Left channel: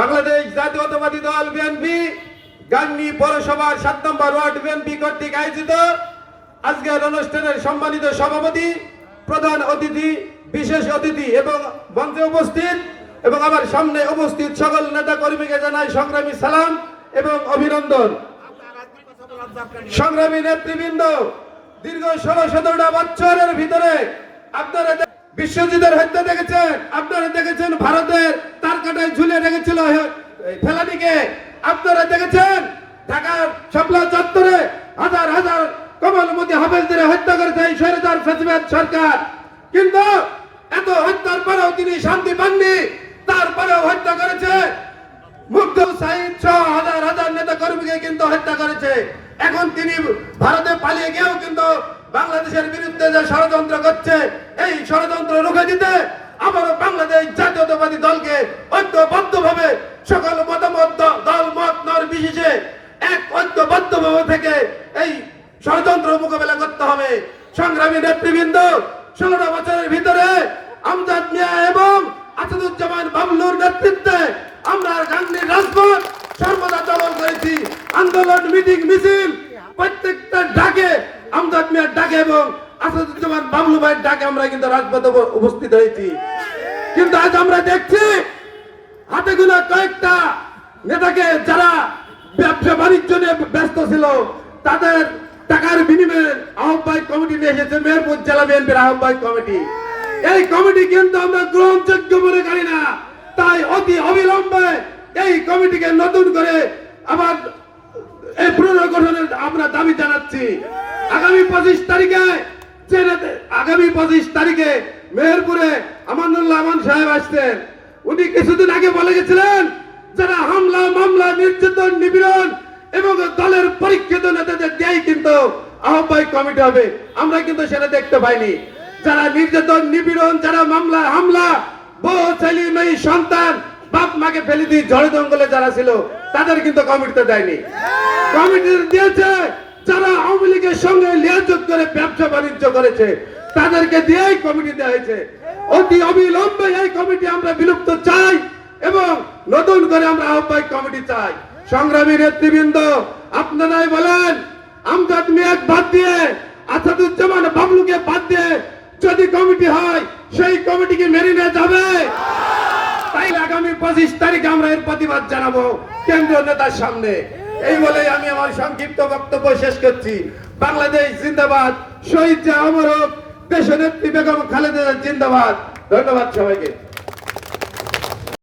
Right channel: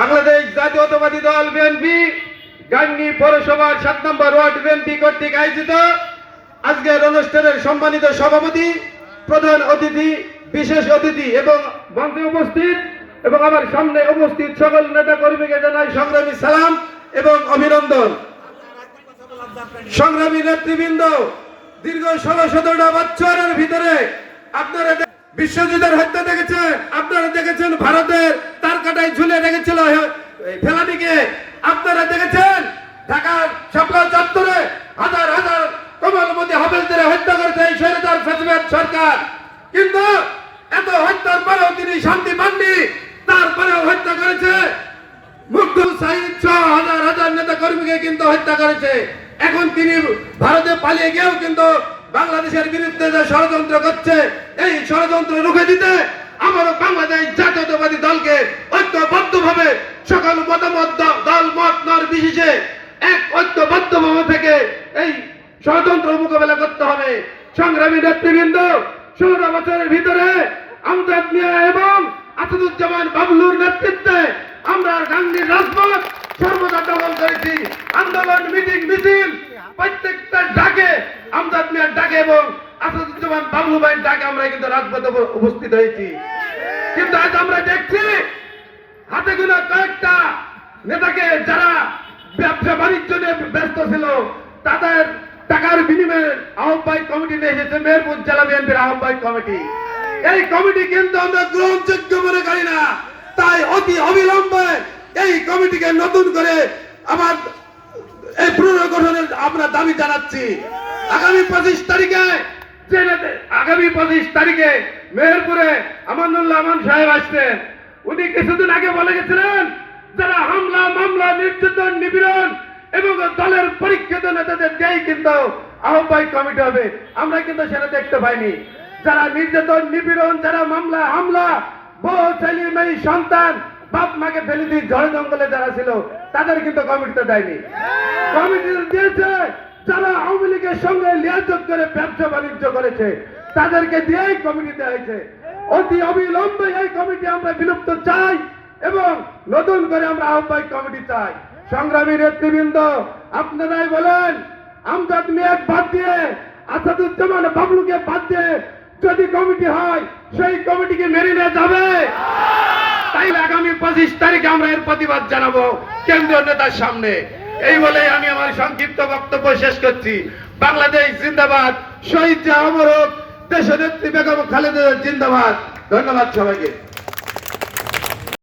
বাংলাদেশ জাতীয়তাবাদী দল বিএনপি গাংনী পৌরসভার 7 নম্বর ওয়ার্ড বিএনপি কর্তৃক আয়োজিত আজকের অনুষ্ঠানের সম্মানিত সভাপতি, প্রধান অতিথি, বিশেষ অতিথি এবং মঞ্চে উপস্থিত এবং আমার সামনে উপস্থিত সকল নেতা কর্মীকে জানাই সংগ্রামী সালাম এবং অভিনন্দন। সংগ্রামী নেতৃবৃন্দ, দীর্ঘ 16-17টা বছরের ভিতরে আপনারা বিশ্বজিতের হত্যা দেখেছেন, আপনারা দেখেছেন ভারতের তারকাটায় ঝুলে রেখেছিল ফেলানিকে, আপনারা দেখেছেন ঢাকার শাপলা চত্বরে হাজার হাজার কমলমতি হাফেজদের হত্যা করেছে এই স্বৈরাচার ফ্যাসিবাদ সরকার। কিন্তু এত হত্যার পরেও তিনি শান্তি পাননি, তারপরেও হত্যা করেছে। মুগ্ধ সাইদ সহ হাজার হাজার নেতা কর্মীকে কিন্তু হত্যা করেছে। এখন তিনি ভারতে পালিয়ে গিয়েও কিন্তু বাংলাদেশের বিরুদ্ধে যে ষড়যন্ত্র করছে, এই ষড়যন্ত্র রুখে দিতে আমারও বাংলাদেশ জাতীয়তাবাদী দলকে ঐক্যবদ্ধভাবে সকল মতামত দল মত নির্বিশেষে এক ঐক্যবদ্ধভাবে থেকে এই ষড়যন্ত্র মোকাবেলা করতে হবে। সংগ্রামী নেতৃবৃন্দ, 16 বছরের ভিতরে আমজাদ মিয়া এবং আসাদুজ্জামান বাবলুর নেতৃত্বে আমরা গাংনীর রাজপথ সর্বদা দখল করেছি। আন্দোলন, মিটিং, মিছিল প্রত্যেকটা ডাকে আমজাদ মিয়ার ডাকে এবং আসাদুজ্জামান বাবলু ভাইয়ের ডাকে আমরা কিন্তু রাজপথে উপস্থিত হয়েছি। কিন্তু আজ আমরা দেখছি হাতে গোনা কয়েকটা নেতাকে যারা ব্যবসা বাণিজ্য নিয়ে ব্যস্ত ছিল, তাদের টাকার বিনিময়ে আহ্বায়ক কমিটি নিয়ে এসেছে মেহেরপুর জেলা বিএনপির আহ্বায়ক কমিটি। এই কমিটি কিন্তু আমরা গ্রহণযোগ্য মনে করি না। তাই অতি অবিলম্বে এই কমিটিকে নতুন করে আবার এই পুনর্গঠনের আমরা দাবি জানাচ্ছি। আগামী 25 তারিখে মেহেরপুরে আমানুল্লাহ আমান সাহেব আসছেন। উনি কিছুদিন আগে বলে গেছিলেন যারা হামলা, মামলা, নির্যাতন, নিপীড়ন এবং দলের পরীক্ষিত নেতাদের দিয়েই কিন্তু আহ্বায়ক কমিটি হবে। আমরা কিন্তু সেটা দেখতে পাইনি। যারা নির্যাতন, নিপীড়ন, যারা মামলা, হামলা, বউ, ছেলে, মেয়ে, সন্তান, বাপ মাকে ফেলে দিয়ে ঝড় জঙ্গলে যারা ছিল তাদের কিন্তু কমিটিতে দেয়নি। কমিটি দিয়েছে যারা আওয়ামী লীগের সঙ্গে লিয়াজত করে ব্যবসা বাণিজ্য করেছে, তাদেরকে দিয়েই কমিটি দেওয়া হয়েছে। অতি অবিলম্বে এই কমিটি আমরা বিলুপ্ত চাই এবং নতুন করে আমরা আহ্বায়ক কমিটি চাই। সংগ্রামী নেতৃবৃন্দ, আপনারাই বলেন আমজাদ মিয়াকে বাদ দিয়ে, আসাদুজ্জামান বাবলুকে বাদ দিয়ে যদি কমিটি হয় সেই কমিটিকে মেনে নেওয়া যাবে? তাই আগামী 25 তারিখে আমরা এর প্রতিবাদ জানাবো কেন্দ্রীয় নেতার সামনে। এই বলে আমি আমার সংক্ষিপ্ত বক্তব্য শেষ করছি। বাংলাদেশ জিন্দাবাদ, শহীদ অমর হোক দেশনেত্রী বেগম খালেদা জিন্দাবাদ। ধন্যবাদ সবাইকে।